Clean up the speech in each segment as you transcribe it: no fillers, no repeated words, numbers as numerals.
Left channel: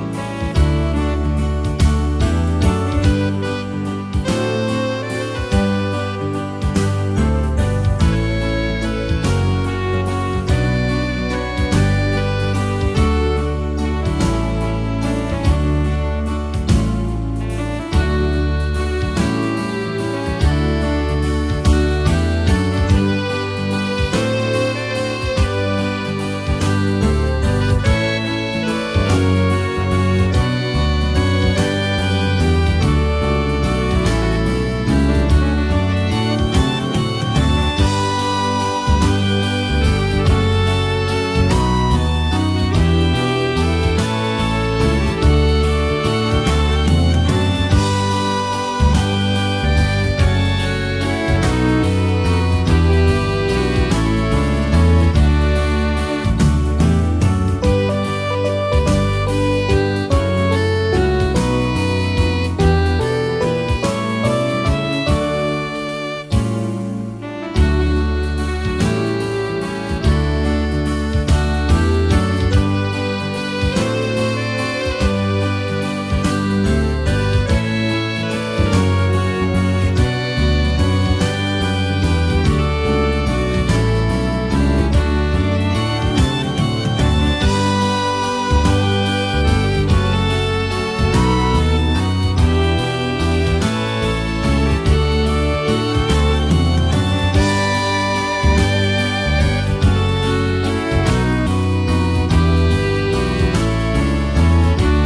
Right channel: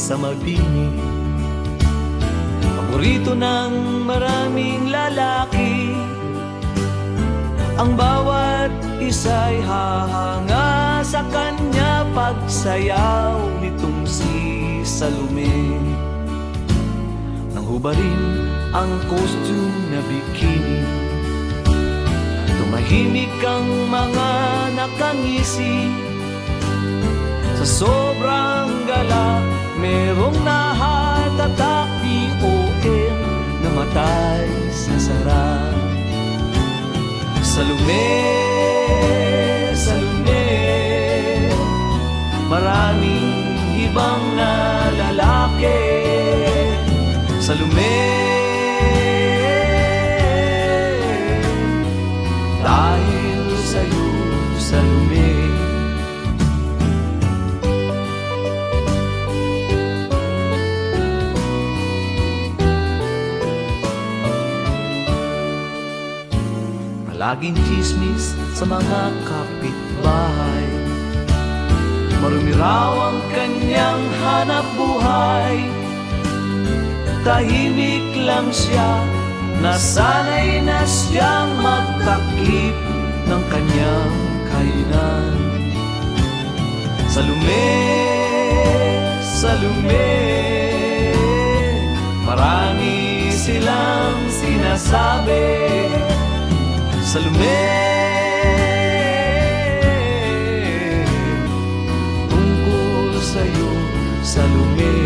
sa mabini. Paborito ng maraming lalaki, ang bawat isa'y hahanga sa kanya pagsayaw nitong si Salome. Nahubarin ang costume na bikini, tumahimik ang mga nakangisi. Sa sobrang galak, merong nahatatak ni O.M. namatay sa sarap. Salome, Salome, maraming ibang na lalaki. Salome, dahil sa'yo, Salome. Palaging chismis sa mga kapitbahay, marami raw ang kanyang hanap buhay. Tahimik lang siya, nasanay na siyang magtakip ng kanyang kainan. Salome, Salome, marami silang sinasabi. Salome, tungkol sa'yo, Salome.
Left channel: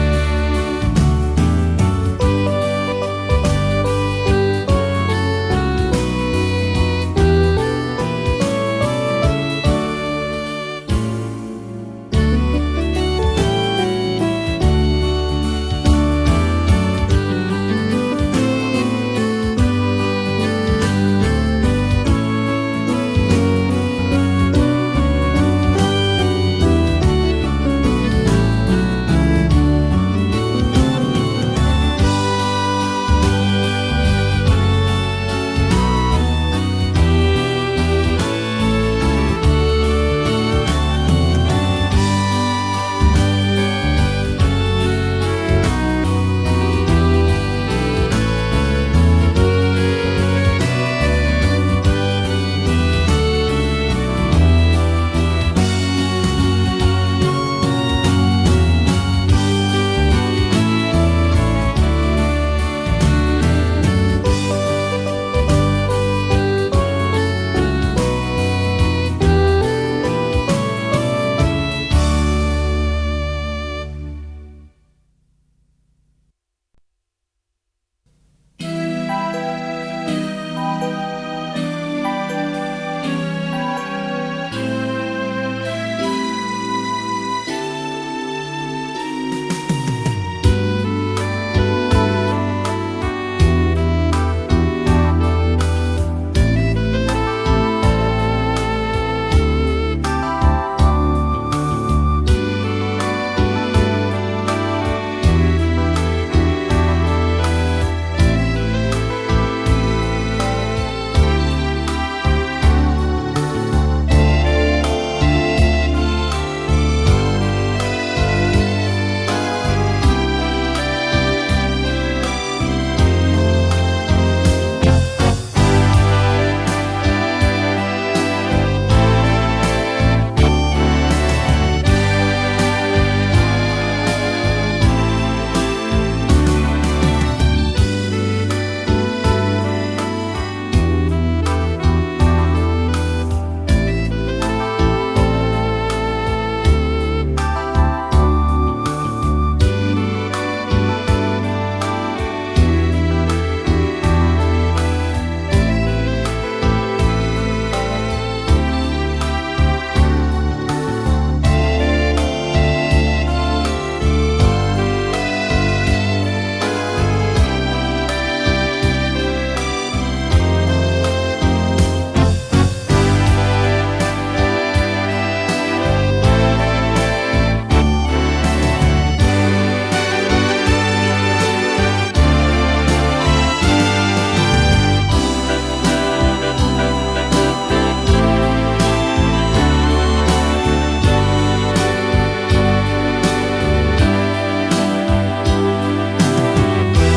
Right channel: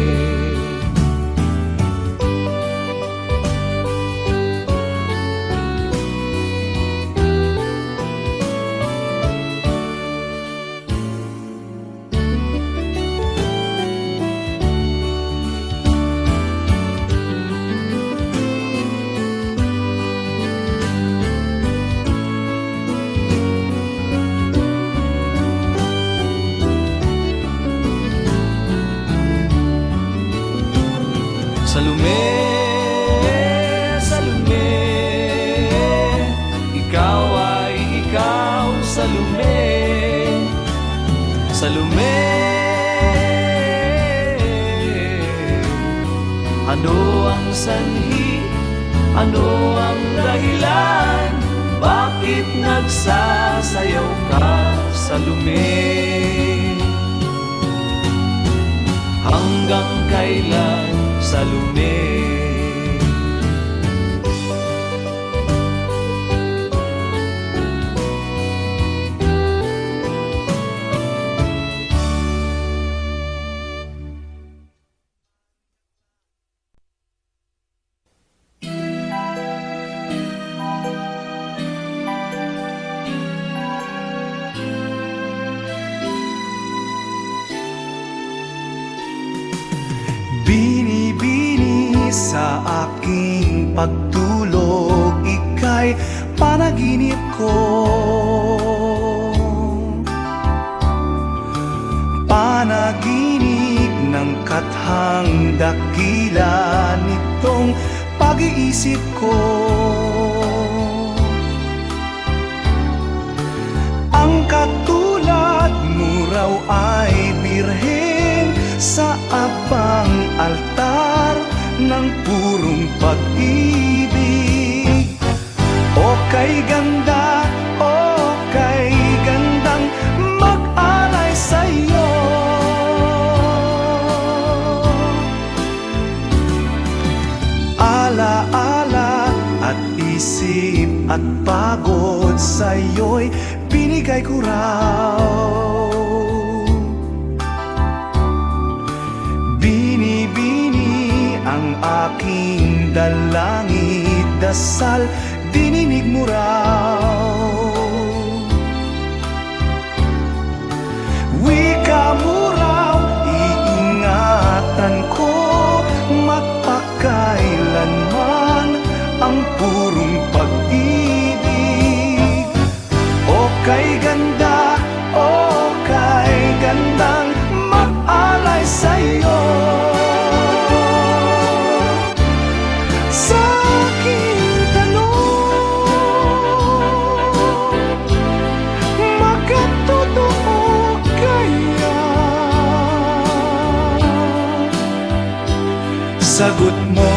sagot mo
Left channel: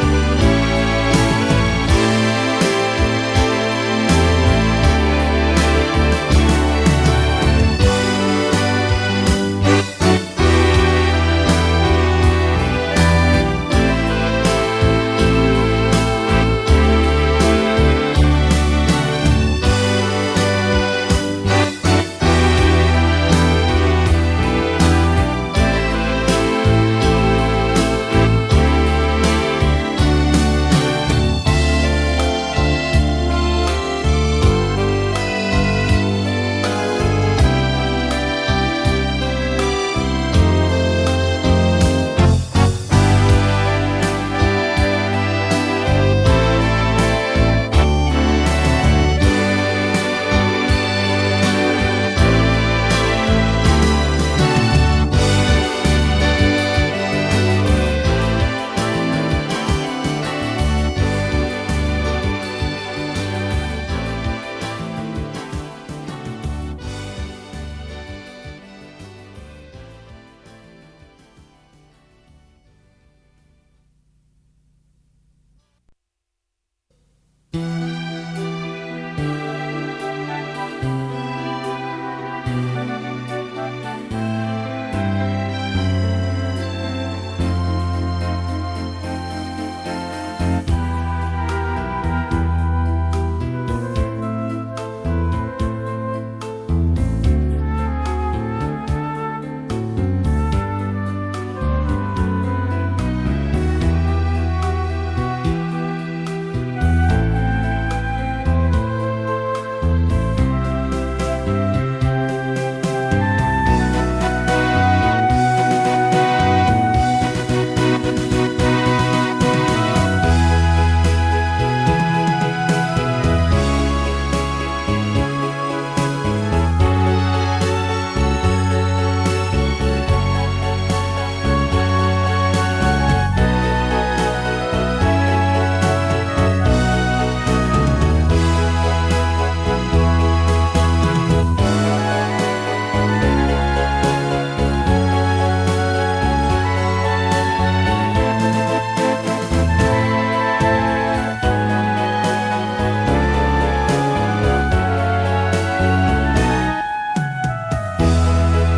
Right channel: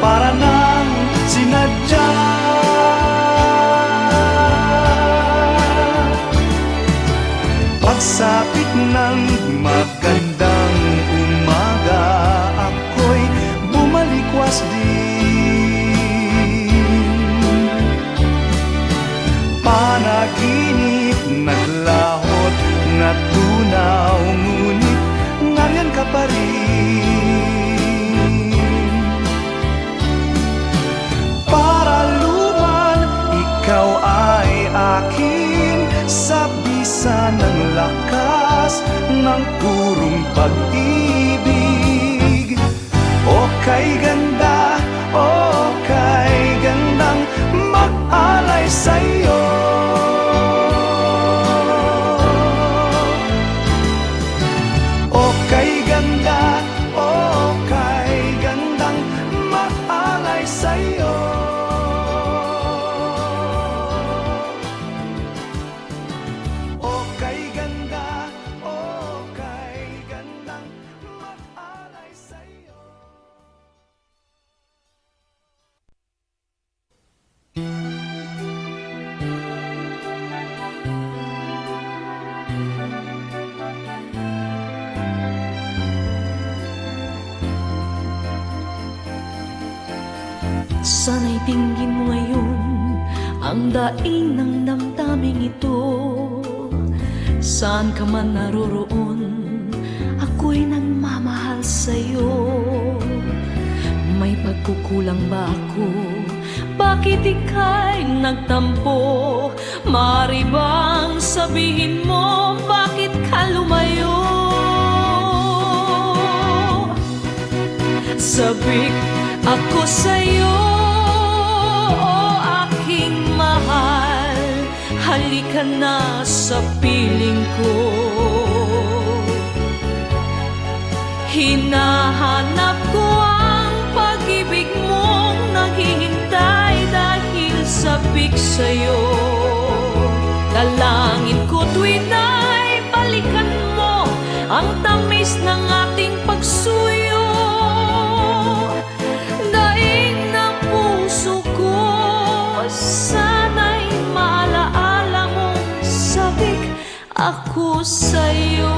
para nang sinadya. Pagsapit ng magandang umaga, ako'y bumalikwas din. Panaginip naglahot na tunaw, ngunit nariyan ka pa rin. Para luman, ikaw ay aking sabisan ng lakas ng purong pag-ibig. O kay ganda, o kay gandang mag-alay sa'yo. O kay ganda, o kay gandang mag-alay sa'yo. O kay ganda, o kay gandang mag-alay sa'yo. Sana'y tingin ngayon ang daing ng damdaming ito. Saan ka man naroroon, ako'y nagmamahal sa'yo. May pagkukulang ba ako? Bakit ika'y nagtampo? Maaari bang sabihin mo bakit ka lumayo? Sabik ako sa'yo, aking mahal. Halika na sa piling ko. Hinahanap ko ang pag-ibig mong naghihintay dahil sabik sa'yo. Dalangin ko tuwing ay balikan mo ang tamis ng ating pagsuyo. Daig ng puso ko, sana'y maalaala mong sabik ako sa'yo.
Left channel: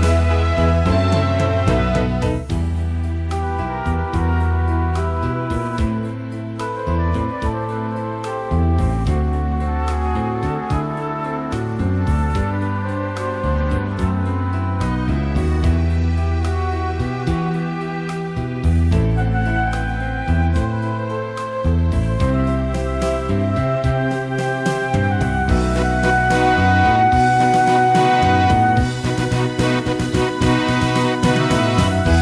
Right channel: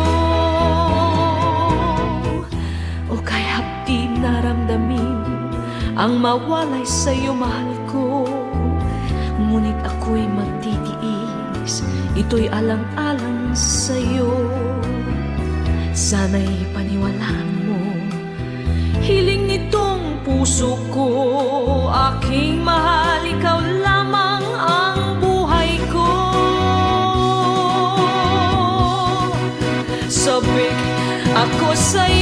O kay hapdi naramdamin ang mawalay sa'yo, mahal ko. Ngunit ako'y magtitiis, ito'y alang-alang sa'yo. Sana'y paniwalaan mo, hiling nitong puso ko, aking mahal, ikaw lamang ang buhay ko. Sabik ako sa'yo.